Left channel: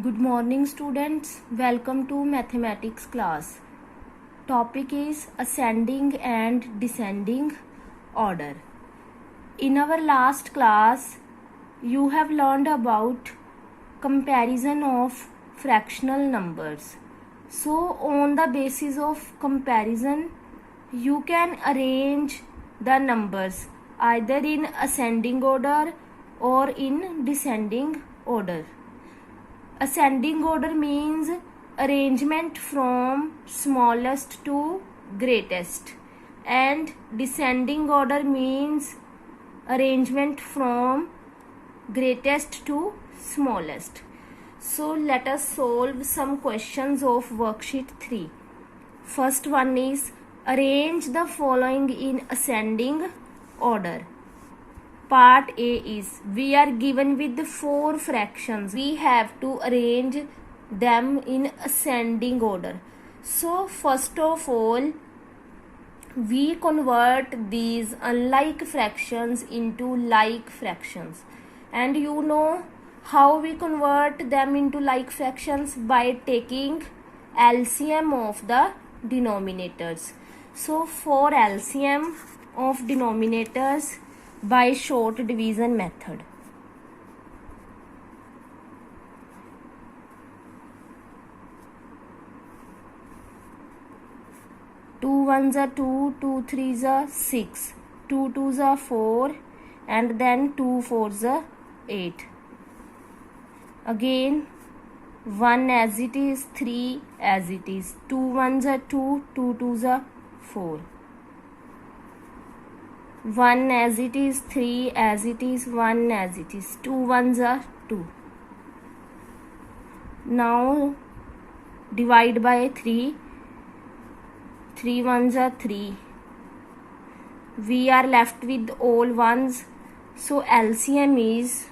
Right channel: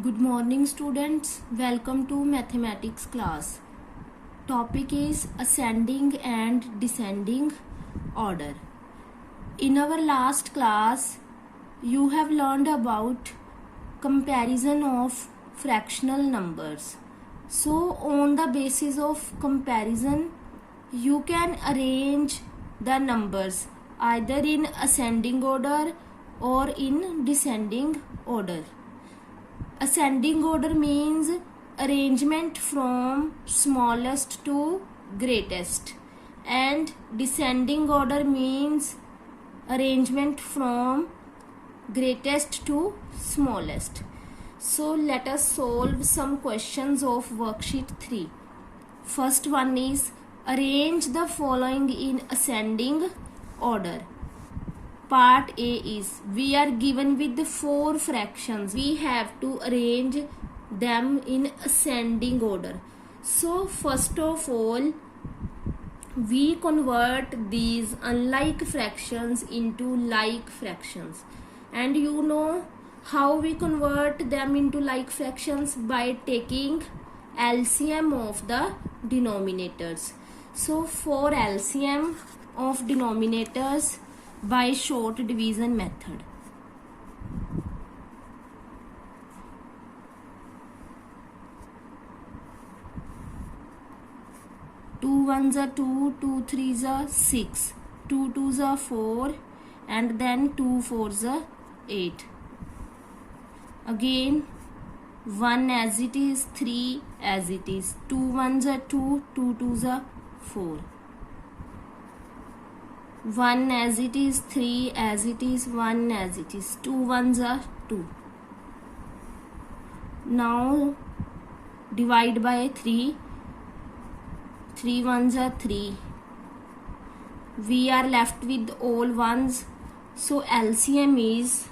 Good morning students, welcome to mathematics class. Topic is ascending and descending order. In our last class, you have learned about comparison of fractional numbers. So on the basis of comparison, you can arrange the numbers either in ascending order or in descending order. Ascending order means arrangement from smallest to greatest, and descending order means arrangement from greatest to smallest. So let us solve some questions of worksheet 3. First one is arrange the following in ascending order. Part A is we are given with 4 fractions. We have to arrange them in ascending order. So first of all, we convert these unlike fractions into like fractions. And you know how we convert them into like fractions? By taking LCM of the denominators. So for LCM of denominators, by short division method. Two ones are 2, 2 threes are 6, 2 twos are 4, and then 2 fours are 8. Again 1 as it is, 3 as it is, 2 ones are 2, 2 twos are 4. 1 as it is, 3 as it is, 1 as it is, 2 ones are 2. Now divide by 3, 3 ones are 3. We are left with all ones, so LCM is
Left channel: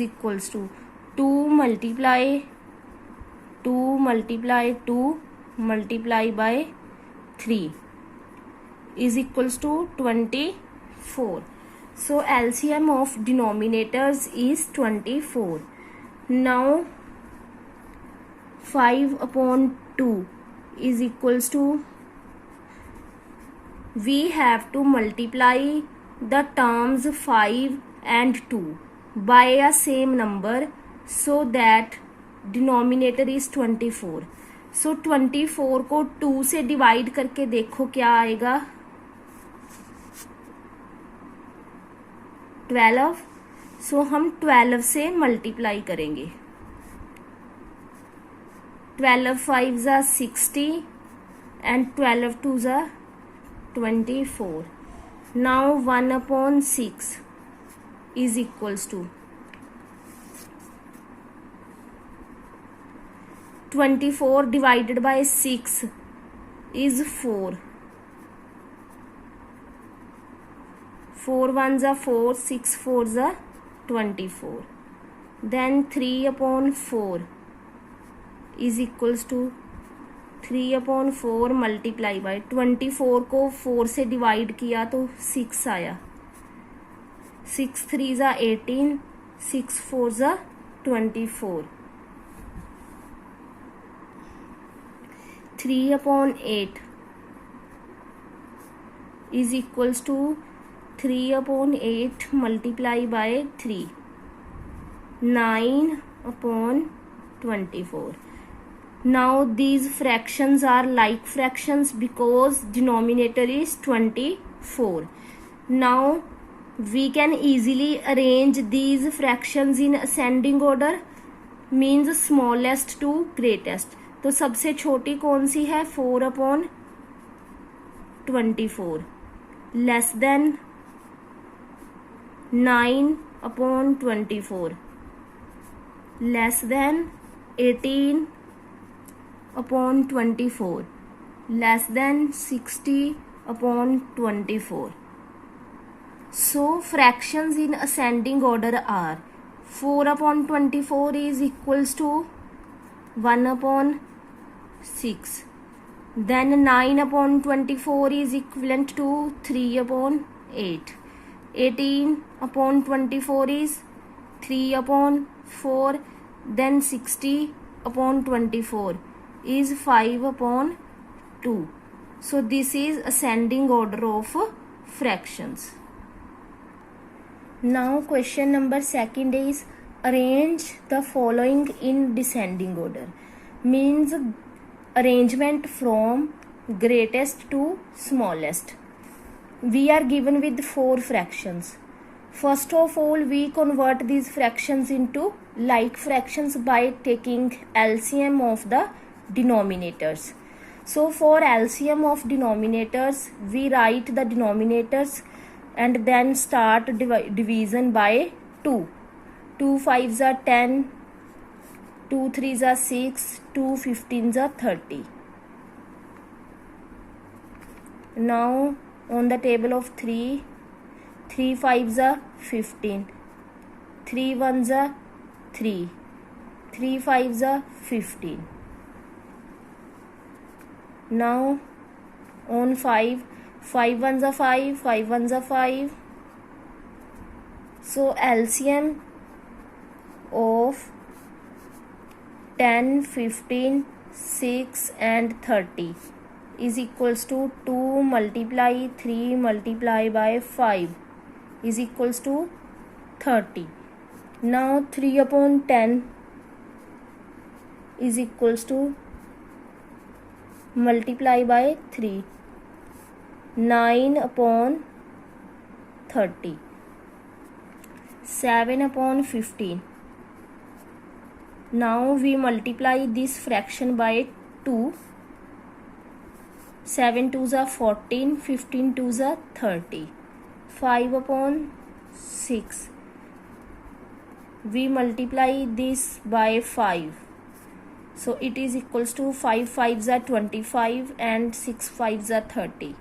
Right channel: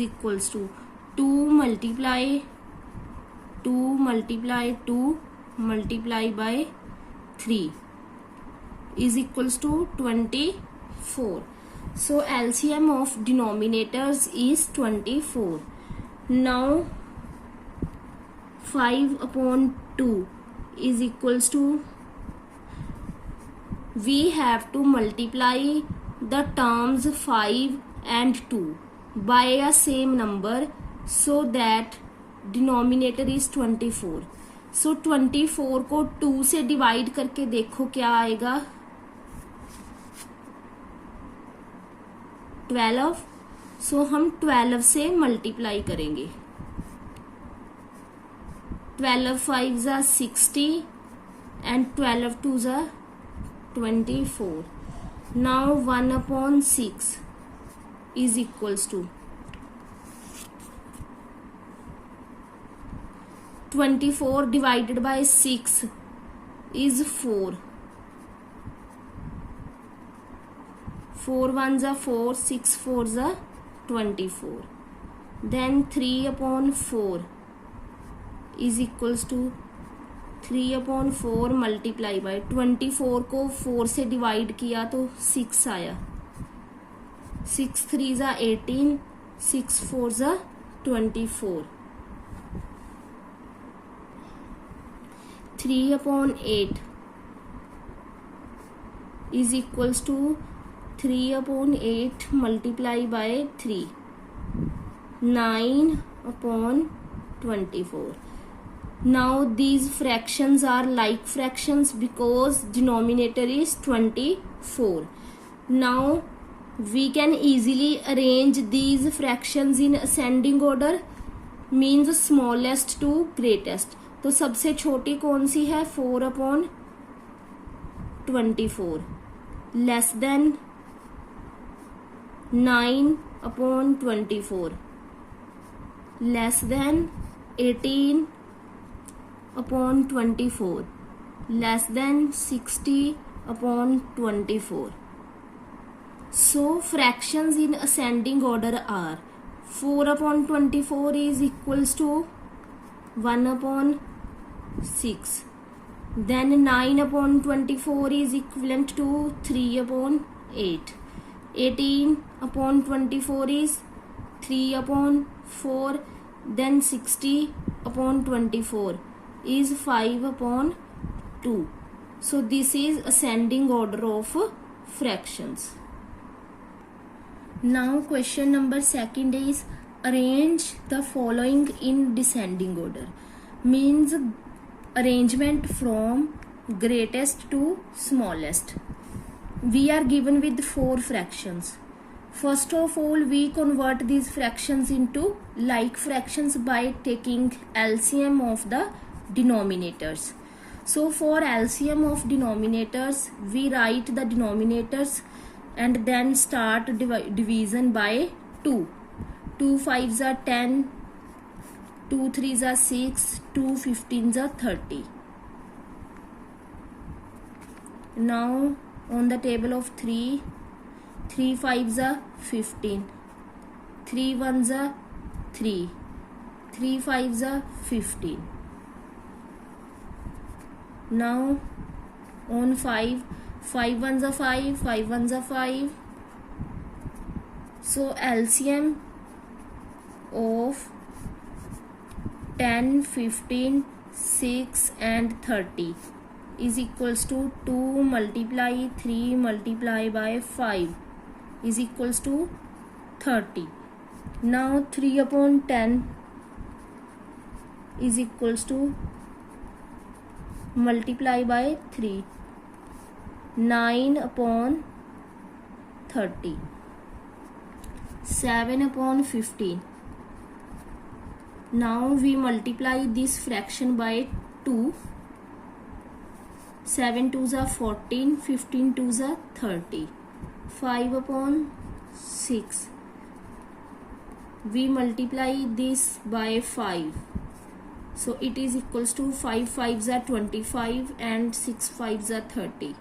equals to 2 multiply 2 multiply 2 multiply by 3 is equals to 24. So LCM of denominators is 24. Now 5 upon 2 is equals to, we have to multiply the terms 5 and 2 by a same number so that denominator is 24. सो 24 को 2 से divide करके देखो क्या आएगा, 12. सो हम 12 से multiply करेंगे. 12 5s are 60 and 12 2s are 24. Now 1 upon 6 is equals to 24 divided by 6 is 4. 4 ones are 4, 6 fours are 24. Then 3 upon 4 is equals to 3 upon 4 multiply by 24 को 4 से डिवाइड किया तो 6 आया. 6 threes are 18, 6 fours are 24. 3 upon 8 is equals to 3 upon 8 multiply by 3, 9 upon 24. Now these fractions are like fractions because denominator is 24. Now we can easily arrange these fractions in ascending order, means smallest to greatest. तो सबसे छोटी कौन सी है, 4 upon 24 less than 9 upon 24 less than 18 upon 24 less than 60 upon 24. So fractions in ascending order are 4 upon 24 is equals to 1 upon 6. Then 9 upon 24 is equivalent to 3 upon 8. 18 upon 24 is 3 upon 4. Then 60 upon 24 is 5 upon 2. So this is ascending order of fractions. Now question number second is arrange the following in descending order. Means arrangement from greatest to smallest. We are given with 4 fractions. First of all, we convert these fractions into like fractions by taking LCM of the denominators. So for LCM of denominators, we write the denominators and then start division by 2. 2 5s are 10, 2 3s are 6, 2 15s are 30. Now on the table of 3, 3 5s are 15, 3 1s are 3, 3 5s are 15. Now on 5, 5 1s are 5, 5 1s are 5. So LCM of 10, 15, 6 and 30 is equals to 2 multiply 3 multiply by 5 is equals to 30. Now 3 upon 10 is equals to multiply by 3, 9 upon 30, 7 upon 15. Now we multiply this fraction by 2. 7 2s are 14, 15 2s are 30. 5 upon 6. We multiply this by 5. So it is equals to 5 5s are 25 and 6 5s are 30.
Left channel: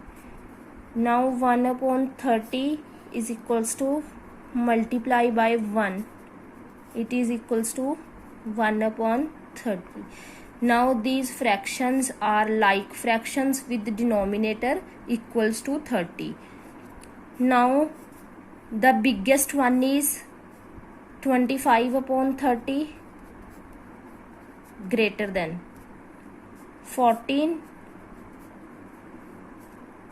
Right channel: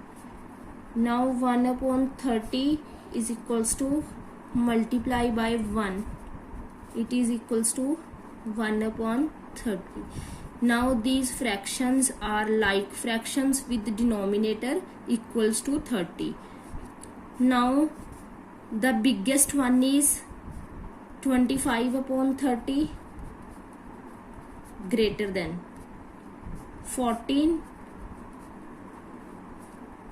Now 1 upon 30 is equals to multiply by 1. It is equals to 1 upon 30. Now these fractions are like fractions with the denominator equals to 30. Now the biggest one is 25 upon 30 greater than 14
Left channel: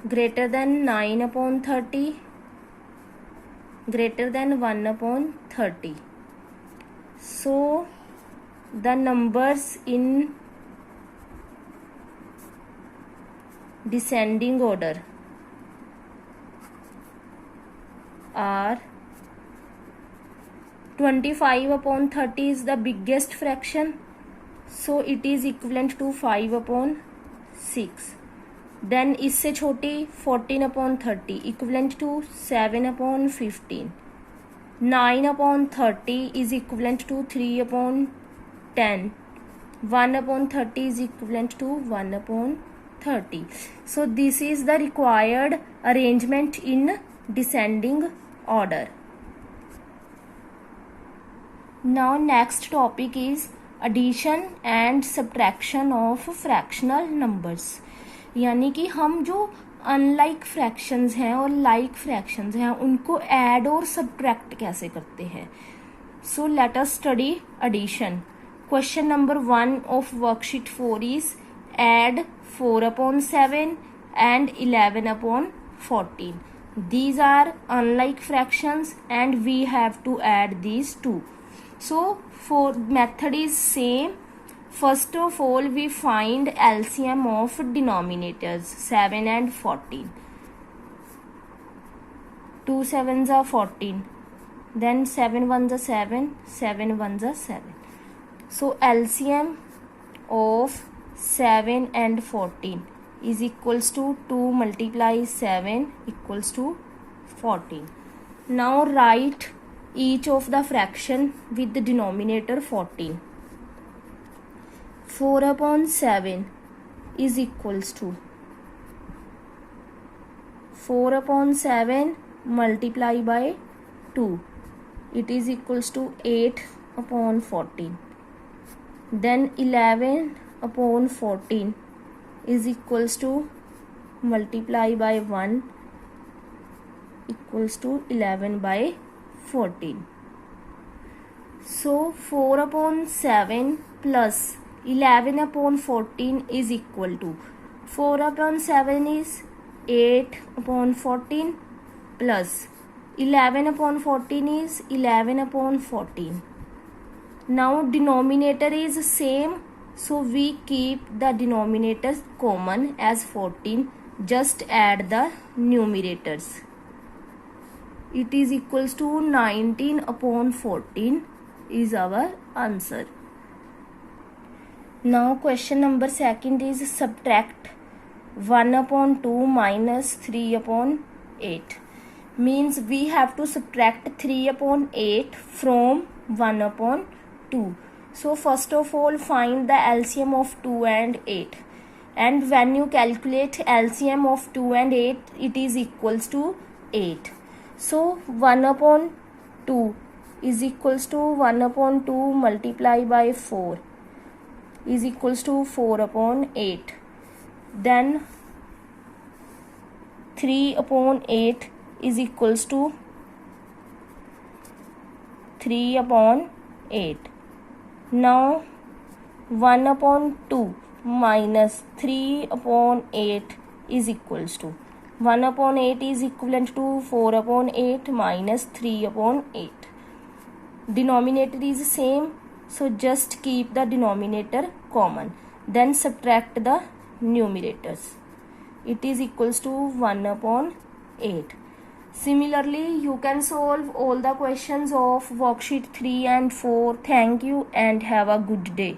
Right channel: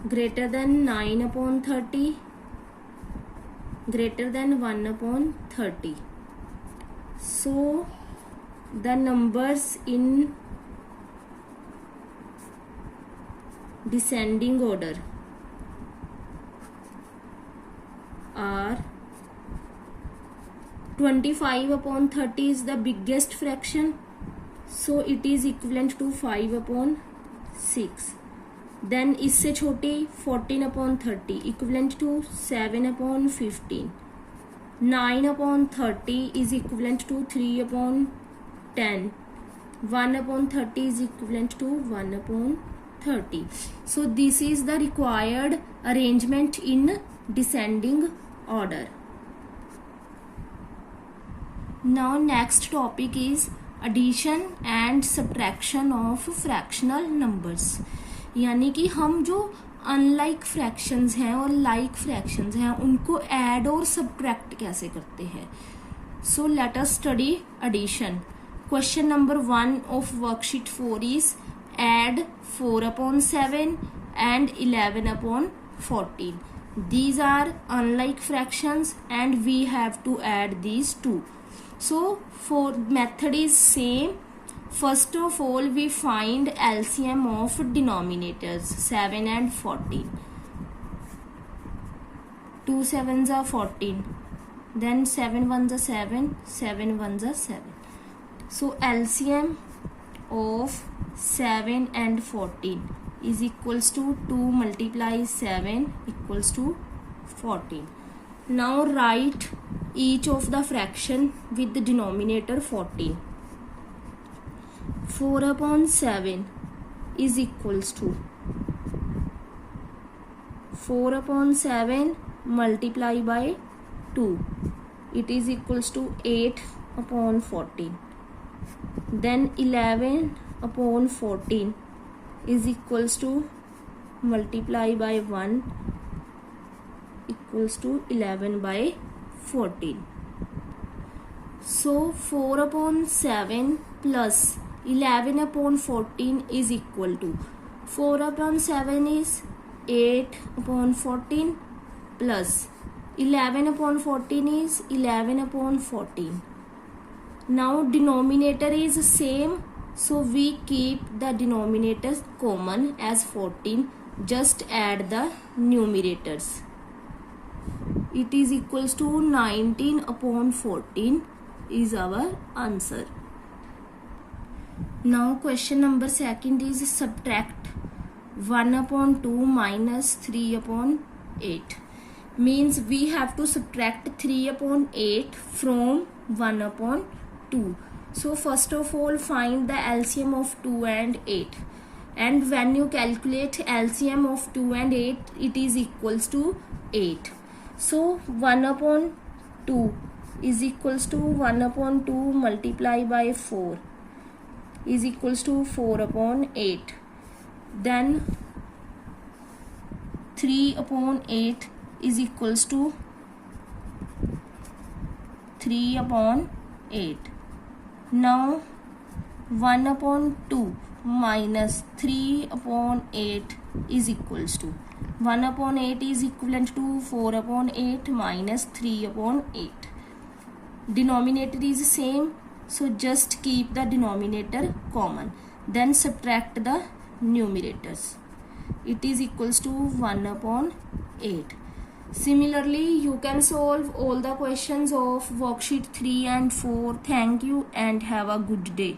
greater than 9 upon 30 greater than 1 upon 30. So the numbers in descending order are 25 upon 30 is the biggest fraction, so it is equivalent to 5 upon 6. Then इससे छोटी 14 upon 30 equivalent to 7 upon 15. 9 upon 30 is equivalent to 3 upon 10. 1 upon 30 is equivalent to 1 upon 30. So this is the required arrangement in descending order. Now next topic is addition and subtraction of fractional numbers. यानी कि हम जो unlike fractions हैं और like fractions हैं उनको add और subtract कैसे करते हैं. So let us study addition. Question number 1 of worksheet 4 is add 4 upon 7 and 11 upon 14. These are unlike fractions and we have to add these two. So for method is same. First of all we find LCM of denominators 7 and 14. 2 7s are 14. Then 7 1s are 7. 7 1s are 7. So LCM of 7 and 14 is equals to 2 multiply 7 equals to 14. Now write each of the fraction with the denominator 14. 4 upon 7 is equals to 4 upon 7 multiply by 2. It is equals to 8 upon 14. Then 11 upon 14 is equals to multiply by 1 equals to 11 by 14. So 4 upon 7 plus 11 upon 14 is equal to 4 upon 7 is 8 upon 14 plus 11 upon 14 is 11 upon 14. Now denominator is same, so we keep the denominators common as 14. Just add the numerators. It is equals to 19 upon 14 is our answer. Now question number second is subtract 1 upon 2 minus 3 upon 8. Means we have to subtract 3 upon 8 from 1 upon 2. So first of all find the LCM of 2 and 8. And when you calculate LCM of 2 and 8, it is equals to 8. So 1 upon 2 is equals to 1 upon 2 multiply by 4 is equals to 4 upon 8. Then 3 upon 8 is equals to 3 upon 8. Now 1 upon 2 minus 3 upon 8 is equals to 1 upon 8 is equivalent to 4 upon 8 minus 3 upon 8. Denominator is same, so just keep the denominator common. Then subtract the numerators. It is equals to 1 upon 8. Similarly, you can solve all the questions of worksheet 3 and 4. Thank you and have a good day.